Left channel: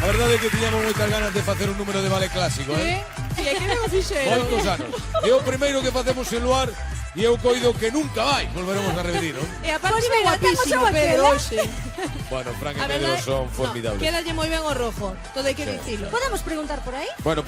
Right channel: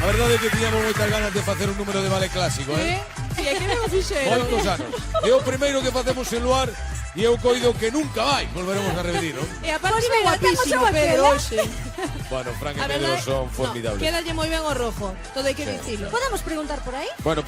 A verdade é que tiñamos moitas ganas de facer un número de ballet clásico, E que ben o fixeron. Moitos anos. É o primeiro que facemos en Luar e eu coido que nunca máis volveremos a repetir, non? E aparte Pois é mira, guapísimo temos a Pedro Marcela. hoxe. Bueno, Fran e A Pedro verdade, son no, formidables. quédalle moi ben o rojo, todo hai que dicilo. Podemos preguntar por aí? Bueno,